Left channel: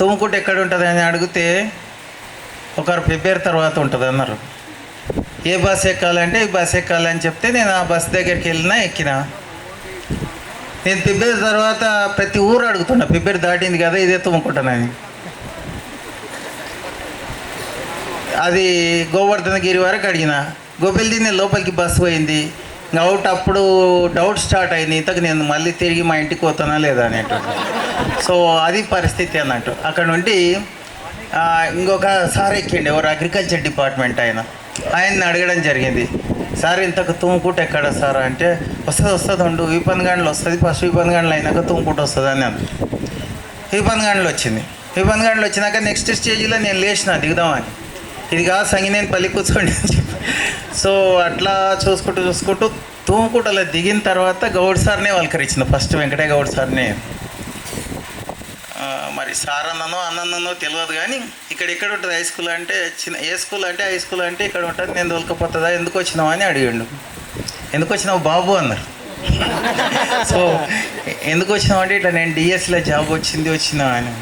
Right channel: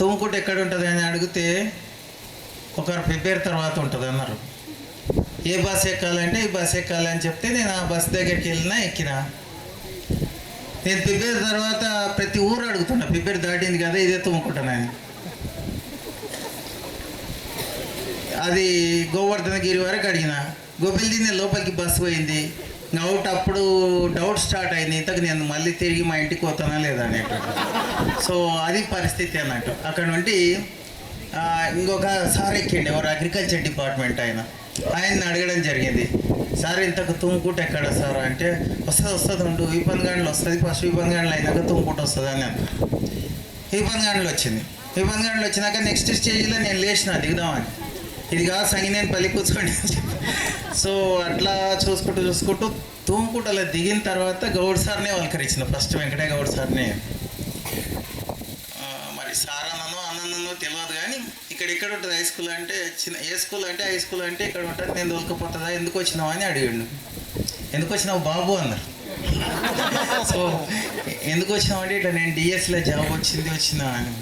తుమ్ముకుంట ఎక్కడ ఉంటుంది అని అడిగితే ఒకరు ప్రిపేర్ తర్వాత ఉంటుంది అన్నారు. ఏ బస్ ఎక్కాలంటే ఈ బస్ ఎక్కాలని చెప్తే నేను ఆ బస్ దగ్గరికి వెళ్ళినా ఎక్కినా. నేను ప్రిపేర్ తర్వాత ప్రతి ఊరు అడుగుతున్నా ప్రిపేర్ దాటింది కదా ఇదే తుమ్ముకుంటానని అది గోవర్ధనగిరి వరకు అడిగిన. గోపిల్ది నేను లోపలికి బస్సు పోయింది. డౌట్ అప్పుడు డౌట్ స్టార్ట్ అయింది. ఇంతకు నేను మళ్ళీ తిరిగి మా ఇంటికి పోతానా లేదా అనేటువంటి సో అది పరిస్థితి అన్నట్టు. అక్కడ నుండి ఇంకొక సార్ ఎక్కిండి. ఎవరు? అగ్రికల్చర్ డిపార్ట్మెంట్ ఆయన. ఆయన్ని అడగడం జరిగింది. సార్ ఇంతకు తుమ్ముకుంట ఎక్కడ సార్? అంటే వస్తుంది వస్తుంది ఉండు. విపన్గాండ్లు వస్తుంది. ఫస్ట్ విపన్ గంటలు అయినాక తుమ్ముకుంట వస్తుంది అని అన్నాను గంటలు వచ్చింది. విపన్గాండ్లు వచ్చినాక నెక్స్ట్ స్టేజ్లో నేను లేచిన దిగుదామని. ఇది కాదు సంగినేని పల్లి కూర్చోండి సో అట్లా చూసుకుంటూ చూసుకుంటూ తూముకుంటలో దిగిన తర్వాత గౌడ్ సార్నే పలకరించిన ఫస్ట్ వెంకటే గౌడ్ సార్నే. మరి సార్ అన్ననో అన్నన్నో తెలియదు కానీ ఇక్కడ ఎక్కడ ఉంటుంది హై స్కూల్ అంటే చిన్న ఏ స్కూల్ అంటే హై స్కూల్ అంటే ఇక్కడ ఉంటుంది నేను దొలకపోతుందా ఎందుకు వచ్చినావు అని అడిగిండు. ఎందుకు వచ్చినావు బాబు అన్నారు సో ఎందుకు వచ్చినావు అంటే ఇట్లా నేను డిఎస్లో జాబ్ వచ్చింది వచ్చినా అని.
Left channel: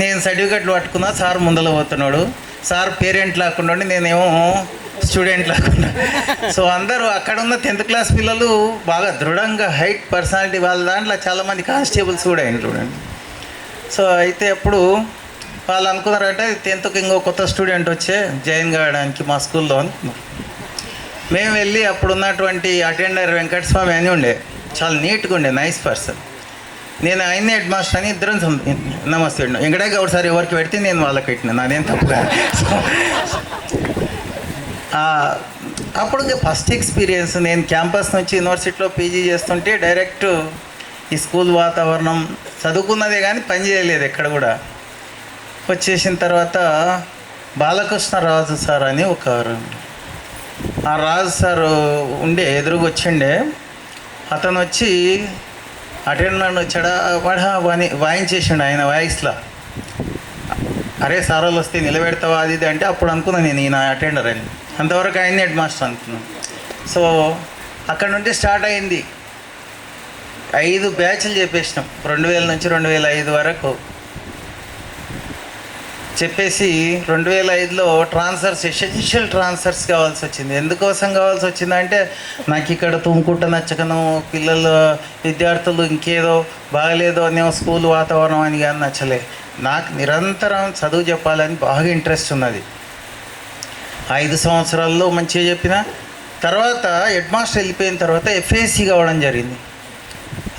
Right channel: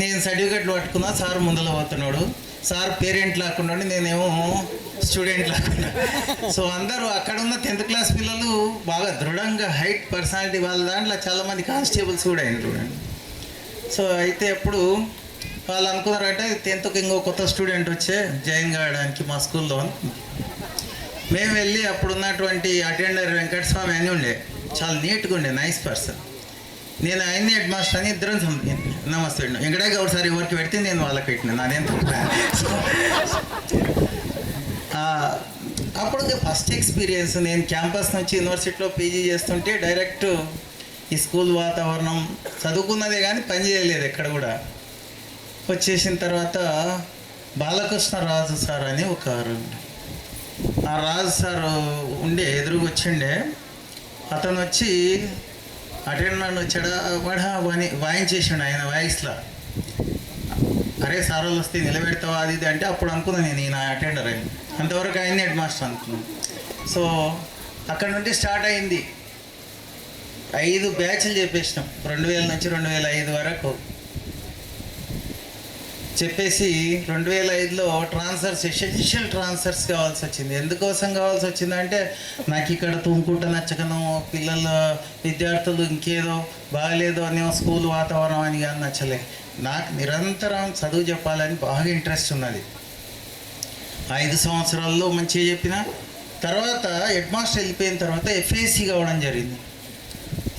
నేను సర్టిఫికెట్లు పట్టుకున్నా సార్ ముందల పోతున్నాడు. సార్ పేరెంట్ లేకుండా ఉండి నేనేమో స్టూడెంట్ లేకుండా సో అందరూ అక్కడ ఉన్న టెన్త్ క్లాస్ పిల్లలు బాగా దృఢంగా హైట్ పర్సనాలిటీ వాళ్ళ దాంట్లో చాలామంది కానిస్టేబుల్స్ కూడా అయిన చూడండి. సో అయితే అప్పుడు వాళ్ళు అనుకున్నారంటే టెన్త్కి ఇంకో కొత్త స్టూడెంట్ వచ్చే జాయిన్ కావడానికి మా స్కూల్లో అనుకున్నారు మేము వెళ్ళి అప్పుడు ఉన్నటువంటి అటెండర్ వెంకటస్వామి అని ఉండే. చాలా నీట్గా ఉండే నైస్ పర్సన్. నేను ఆయన్ని హెడ్ మాస్టర్ అని ఇద్దరం నమస్తే అండి వెంకటయ్య గౌడ్ సార్ ఎవరికి పెడితే నేను వాళ్ళకి పెట్టిన. నాదేం తప్పు అప్పుడు ఫస్ట్ ఎక్స్పీరియన్స్ నేను క్యాంపస్ నుంచి యూనివర్సిటీలో పీజీ చేస్తుంటే డైరెక్ట్ ఈ స్కూల్ వాతావరణం చదువుకున్నదే కానీ పని చేయలేదు ఎక్కడ కూడా. వచ్చేసిన తర్వాత బాలకృష్ణ రాజు సార్ అని ఒక ఆ రాజు సార్ ఉండే ఎదురుగా వచ్చిండే. అతను వచ్చి అటెండర్ వచ్చాడా? వాడా వాని వాయించేసిండు ఆయన వాయిస్లో. అరే సార్ వాళ్ళు వస్తే నిలబెడతావా? అది ఇది అంటే అప్పుడు అనుకున్నాను నేను ఈయన అటెండర్ అని. అంతవరకు అయింది హెడ్ మాస్టర్ అనుకున్నాను. సో అక్కడ నుండి స్టార్ట్ అయింది. ఐదు బ్యాచ్లు చెప్పేసినాం. రెండు వేల నుంచి రెండు వేల ఐదు వరకు. చెప్పేసి రెండు వేల ఐదులో ట్రాన్స్ఫర్స్ ఎసెన్షియల్ ట్రాన్స్ఫర్స్ కావాల్సి వచ్చింది. ఎందుకోసం కావాల్సి వచ్చిందంటే నాకు ఇక్కడ తుమ్ముకుంట నచ్చకను పిల్లలు విద్యార్థులు ఇంకేదో బాగలేదో అనే స్కూల్ వాతావరణం అని కానీ నచ్చలే. నాకు నిరంతరం చదువు చెప్పాలని బాగా ఇంట్రెస్ట్ ఉన్నది. ఐదు సంవత్సరాల్లో మంచిగా చెప్పిన తర్వాత హెడ్ మాస్టర్ వెళ్ళిపోయిన తర్వాత ఎఫ్ఏసి కావడం జరిగింది.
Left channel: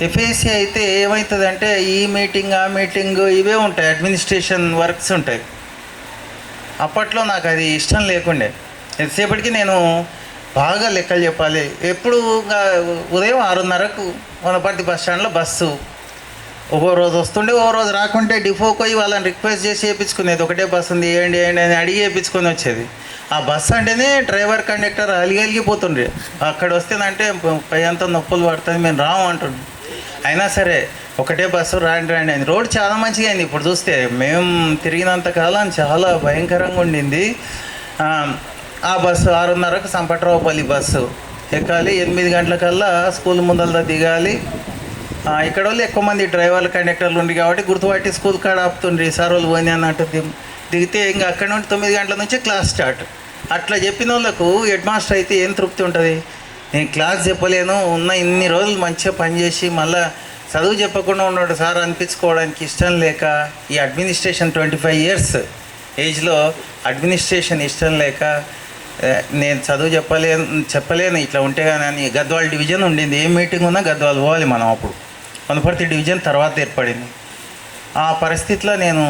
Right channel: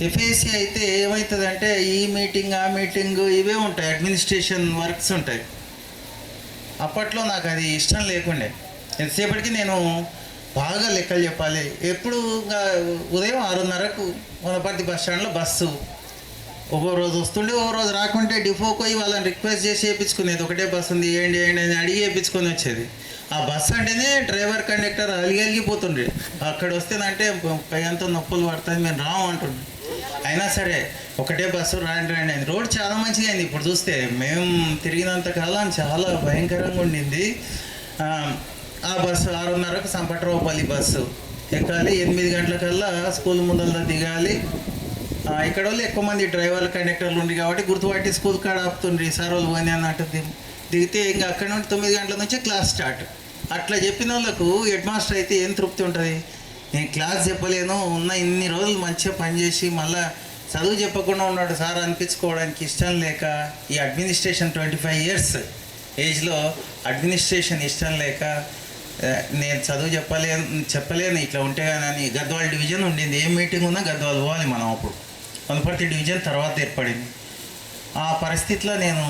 ఎఫ్ఏసి అయితే ఏమవుతుందంటే ఈ మీటింగ్ ఆ మీటింగ్ ఇవే ఉంటాయి అడ్మినిస్ట్రేషన్ వర్క్స్ ఉంటాయి. అప్పట్లో నాకు అది ఇష్టం లేకుండే. ఎంతసేపటికి నేను బాగా లెక్కలు చెప్పాలి. ఎప్పుడు ఉదయం ఆరున్నరకు వనపర్తి బస్ స్టాండ్లో బస్సు. ఒక్కో రోజు వస్తుండే ఓ రోజు రాకుంటే డిపోకి పోయి వాళ్ళని రిక్వెస్ట్ చేసి వేయించుకునేది ఒకటే బస్సు ఉంది వేయండి ఏంటి అని అడిగి వేయించుకొని వచ్చేది. ఆ బస్సు అంటేనే డ్రైవర్ కండక్టర్ అలిగి అలిగిపోతుండ్రి అక్కడ వస్తేనంటే పై అంతా నొప్పులు పడుతుంది మేము రాము అంటుండే. అయినా సరే ఒకటే బస్సు రాండి రాండి అయింది. రోడ్ చాలా మంచిగా అయింది. ఇప్పుడు చూస్తే మేము తిరిగినంత కాలం చాలా భయంకరంగా ఉండింది. ఆ, బస్సు ఆరున్నరకు సంపట్రావుపల్లి బస్సు ఎక్కాలి. ఎనిమిది గంటలకల్లా స్కూల్ ముందల దిగాలి. ఇక్కడ వాళ్ళు ఎక్కువ మంది డ్రైవర్లు కండక్టర్లు ఉండి కాబట్టి గుర్తుపట్టి స్కూల్ కాడ ఆపుతుండ్రి. సార్ వాళ్ళు పోయినా అన్నట్టు దిగితే ఇంకా అక్కడ నుండి తొమ్మిది గంటల నుంచి క్లాస్ స్టార్ట్. అట్లా చెప్పిన వాళ్ళకు హెడ్ మాస్టర్ అయితే ఏం తృప్తి ఉంటుంది? నేను క్లాస్ చెప్పలేను ఉన్న ఇన్ని రోజులు మంచిగా పనిచేసి మళ్ళా చదువు చెప్పకుండా ఉన్నాడు సార్ అనిపించుకోవడానికి ఇష్టం లేక ఈ అడ్మినిస్ట్రేషన్ ట్వంటీ ఫైవ్ ఇయర్స్ ఏజ్లో అడ్మినిస్ట్రేషన్ ఇష్టం లేక నేను చదువు చెప్పలేను చెప్పలేను. ఇట్లా ఉంటే కానీ అని గద్వాల్ డివిజన్ ఉండింది. ఏ మీటింగ్ ఉన్నా గద్వాల్ పోవాలి మనం అప్పుడు. వనపర్తి డివిజన్ తర్వాత ఏర్పడింది. ఆ పరిస్థితిలో నేను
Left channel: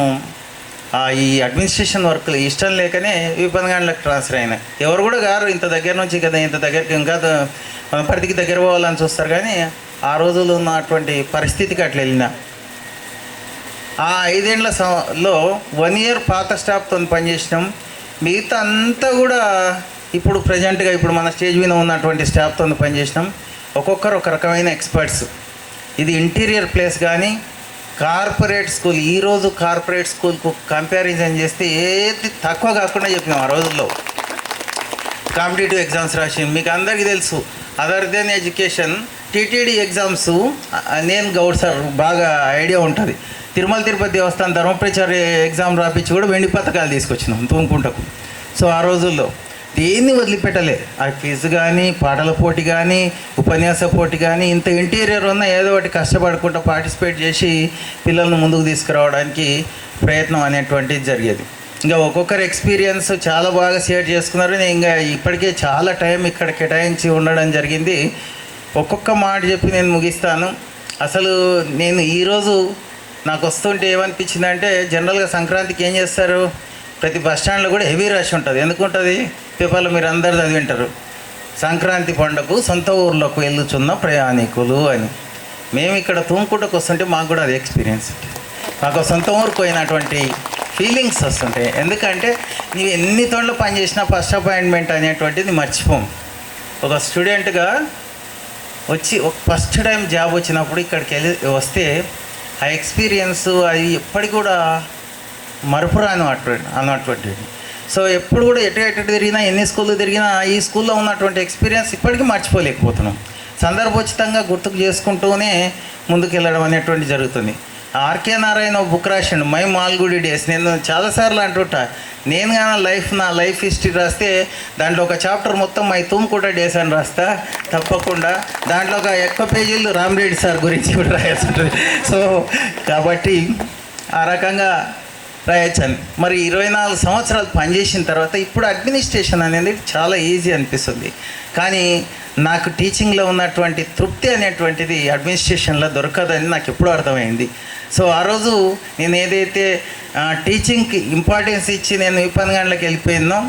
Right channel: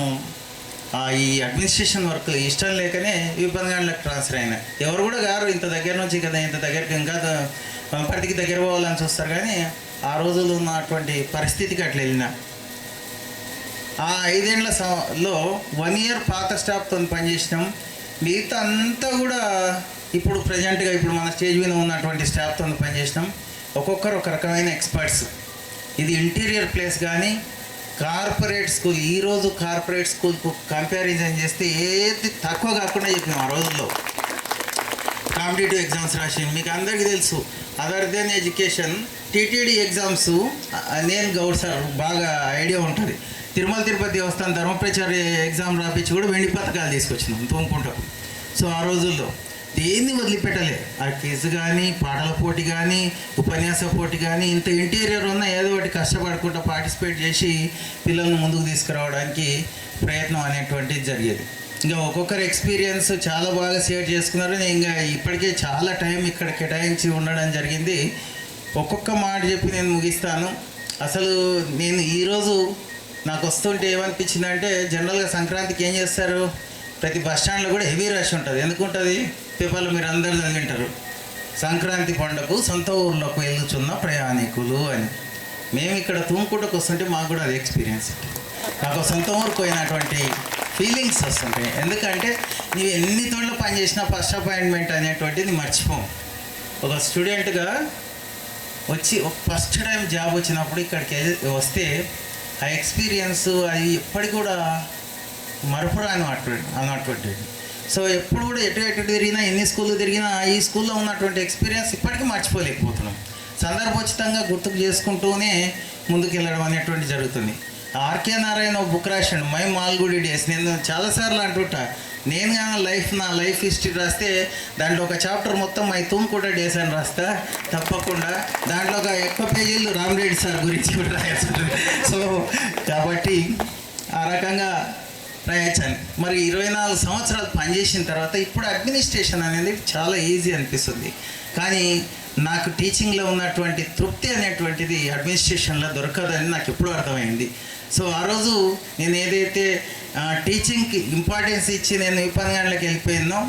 ఈ అడ్మినిస్ట్రేషన్ వర్క్లు ఇష్టం లేకనే విపన్గాండ్లకు ట్రాన్స్ఫర్ అయినా ఎవరు కూడా గారు ఇంత దగ్గర నుంచి కదా ఇంత దగ్గరికి ఇంకా పరిధికి దగ్గర పోవాలని చూస్తారు కానీ ఆ రోజుల్లో ఉన్నటువంటి పరిస్థితికి అట్లా వెళ్ళిన. ఆ ఐదేళ్ళ సం- లో వన్ ఇయర్ పాత స్టాఫ్తో పనిచేసినాం. మిగతా అంతా కూడా ఇప్పుడు ప్రజెంట్గా ఇప్పుడు మన స్టేజ్ మీద ఉన్నటువంటి స్టాఫ్తో పనిచేసినాం. ఒక్కొక్కరు ఒక రకమైన ఎక్స్పర్ట్స్ ఇది ఇంటీరియర్ ప్లేస్ కానీ కార్పొరేట్ స్కూల్ ఈరోజు కార్పొరేట్ స్కూల్కు కంపారిజన్ చేస్తే ఏది తక్కువ కాకుండా చెప్పినాం ఆ రోజుల్లో. కాంపిటేటివ్ ఎగ్జామ్స్ రాసి మీకు అందరికీ తెలుసు other than education TTD exams నేను గౌడ్ సార్ బాగా ఐడియా ఉంటుంది. తిరుమల తిరుపతి దేవస్థానం ధర్మప్రచార ఎగ్జామ్ రాపించి కూడా వెండి పథకాలు తీసుకొచ్చినాం తూముకుంటకు. సో ఆ రోజుల్లో దేన్ని వదిలిపెట్టలే? ఆ క్విజ్ కానీ పాటల పోటీ కానీ ఉపన్యాస పోటీ కానీ ఇంత ఇంటీరియర్ ఉన్న ఏదో ఒకటి కష్టపడకుండా పార్టిసిపేట్ చేసి పిల్లల్ని ముందుకు తీసుకురావడానికి ప్రయత్నం అనేటువంటిది జరిగేది. ఇంకా ఒక్కొక్కరు ఎక్స్పీరియన్స్ చాలా బాగా షేర్ చేసుకున్నారు. నేను ఇంకా ఇప్పటికే చాలా టైం ఇక్కడ కేటాయించి ఉండడం జరిగింది. ఒక్కొక్క మాట చెప్పి నేను ముగిస్తాను. అసలు నేను ఈరోజు నాకు వస్తుంటే ఏమనిపించిందంటే జనరల్గా సంక్రాంతికి ఏం చేస్తారు? ప్రతి బస్ స్టాండ్లో కూడా హెవీ రష్ ఉంటుంది. ఎందుకు ఉంటుంది? పేపర్లు మీరు అందరు చదివింటారు. సంక్రాంతి పండుగకు సొంత ఊర్లోకి వెళ్ళుచున్న ప్రయాణికులు అని. మేము ఇక్కడ తుమ్ముకుంటకు వస్తుంటే మాకు కూడా అది ఎక్స్పీరియన్స్ మాకు సొంత ఊరికి పోయినటువంటి ఫీలింగ్స్ వస్తుంటాయి. ఎందుకంటే నీవు ఎన్ని తోళ్ళు పనిచేసినా ఫస్ట్ అపాయింట్మెంట్ అనేటువంటిది మర్చిపోం ఒక స్టూడెంట్గా వచ్చి ఒక ఫస్ట్ టైం జాబ్ వచ్చినప్పుడు ఇక్కడికి వెళ్ళి వస్తే ఆ ఎక్స్పీరియన్స్ అది ఎప్పటికి కూడా మరపురాను అటువంటి అన్నటువంటి సో ఎప్పుడు కూడా ఎటు ఎటు తిరిగినా ఎన్ని స్కూళ్ళు తిరిగినా ఈ స్కూల్లో ఉన్నటువంటి ఎక్స్పీరియన్స్ ఇప్పటికీ మర్చిపోలేకపోతున్నాం. సందర్భోచితంగా గుర్తుకు చేసుకుంటూనే ముందుకు వెళ్ళడం అనేటువంటి జరుగుతుంది. ఆర్కే నారాయణ బుక్ రాసిండు మై మాల్గుడి డేస్. నేను చాలాసార్లు అంటుంటా నేను కానీ లైఫ్ నా లైఫ్ హిస్టరీ రాస్తే దాంట్లో ఒక చాప్టర్ మొత్తం మై తుమ్కుట డేస్ అని రాస్తా. తప్పకుండా. దాంట్లో ఒక ఎక్కువ పేజీలు రామ్రెడ్డి సార్ గురించి కూడా రాయాల్సి ఉంటుంది. సో కాబట్టి ఆ రకంగా రాయొచ్చాను మరి ఇరవై నాలుగు సంవత్సరాలు పనిచేసిన తర్వాత ఇప్పుడు అడ్మినిస్ట్రేషన్ అనేది చాలా ఈజీ అనిపిస్తుంది. కానీ నాకు టీచింగ్లో ఉన్నటువంటి తృప్తి అనేటువంటిది అడ్మినిస్ట్రేషన్లో దొరకదని నాకు ఎప్పుడూ అర్థమైంది. సో ఆ రోజు నేను ఏదైతే టీచింగ్కి ఇంపార్టెన్స్ ఇచ్చి నేను విపణగండ్లకు వెళ్ళిపోయినో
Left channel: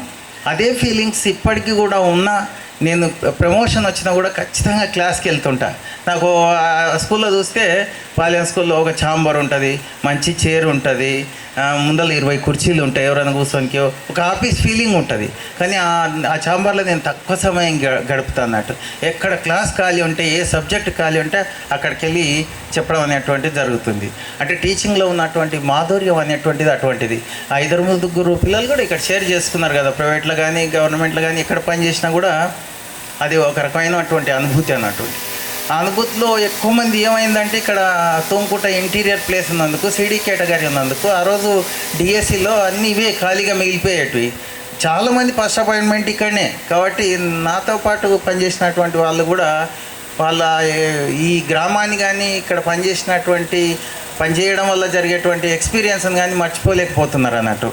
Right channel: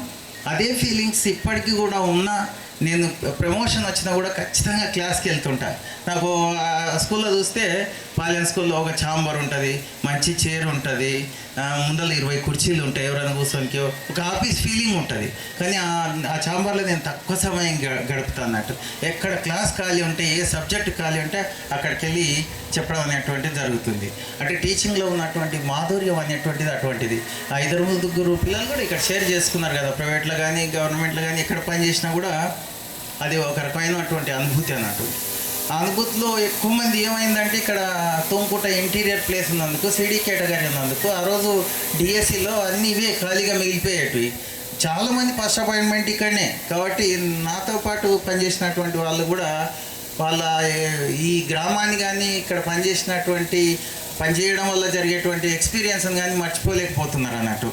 అదే ఫీలింగ్స్ ఇప్పటికీ కూడా ఉన్నా నేను ప్రమోషన్ వచ్చినా కూడా ఖచ్చితంగా క్లాస్కి వెళ్తుంటా. నాకు ఆ స్కూల్లో చూస్తే పాలెం స్కూల్లో ఒక ఛాంబర్ ఉంటుంది మంచి చైర్ ఉంటుంది ముందర ఇరవై కుర్చీలు ఉంటాయి ఎవరైనా కూర్చోనికి ఒక ఆఫీస్ ఫీలింగ్ ఉంటుంది. కానీ ఆ ఛాంబర్లో నేను తక్కువ సమయం గ- గడుపుతా అన్నట్టు. ఎక్కడ క్లాస్ ఖాళీ ఉంటే ఏ సబ్జెక్ట్ ఖాళీ ఉంటే అక్కడికి వెళ్ళి చెప్పడం అనేటువంటిది జరుగుతుంది. అంటే టీచింగ్లో ఉన్నటువంటి మాధుర్యం అనేటువంటిది అటువంటిది. ఆ ఇద్దరు ముగ్గురు పిల్లలు కూడా ఇక్కడ షేర్ చేసుకున్నారు కదా ప్రైవేట్లో కానీ గవర్నమెంట్లో కానీ ఎక్కడ పని చేసినా కూడా అది ఒక రకమైనటువంటి అనుభూతి అన్నట్టు. అనుభూతిలో ఎక్కువ మంది ఏమైందంటే ఇక్కడ తోంకుట ఇంటీరియర్ ప్లేస్ ఉన్నందుకు సిడీ కేటగిరీ ఉన్నందుకు ఆ రోజు డిఎస్సిలో అన్ని ఇవే ఖాళీగా మిగిలిపోయేటివి. చాలామంది ఫస్ట్ అపాయింట్మెంట్ ఇక్కడనే. కాబట్టి నాతో పాటు పనిచేసినటువంటి వాళ్ళు కూడా వాళ్ళ ఈ గ్రామాన్ని కానీ ఇక్కడ పనిచేసినటువంటి పనిచేయడం వల్ల జరిగేటువంటి ఎక్స్పీరియన్స్ని కానీ మర్చిపోలేకపోతున్నారు అన్నట్టు.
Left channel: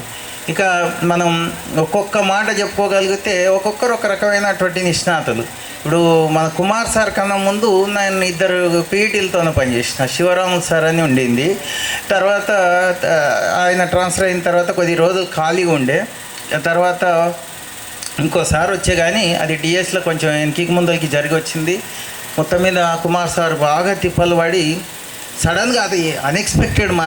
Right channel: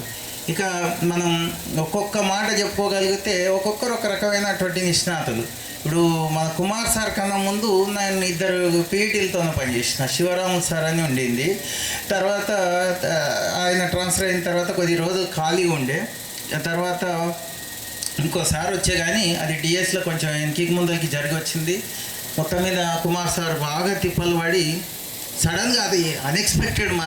ఇక మనం ఒక్కొక్క మాట చెప్పుకోగలిగితే ఒక్కొక్కరు ఒక రకమైనటువంటి నిష్ణాతులు. ఇప్పుడు మన కుమార్ సార్ కన్నా ముందు నేను ఇద్దరు పీఈటీలతోనే పనిచేసిన. శివరాము సార్ అని ఉండింది. తర్వాత ఆయన ట్రాన్స్ఫర్ అయిన తర్వాత కొద్ది రోజులు ఖాళీగా ఉండే. తర్వాత తర్వాత ఇంకోసారి వచ్చే కానీ అది డిఎస్లో కొంచెం వెనక్కి ముందరికి జరిగి వచ్చింది. మొత్తం మీద కుమార్ సార్ బాగా తిప్పలు పడి సడన్గా అది అన్ఎక్స్పెక్టెడ్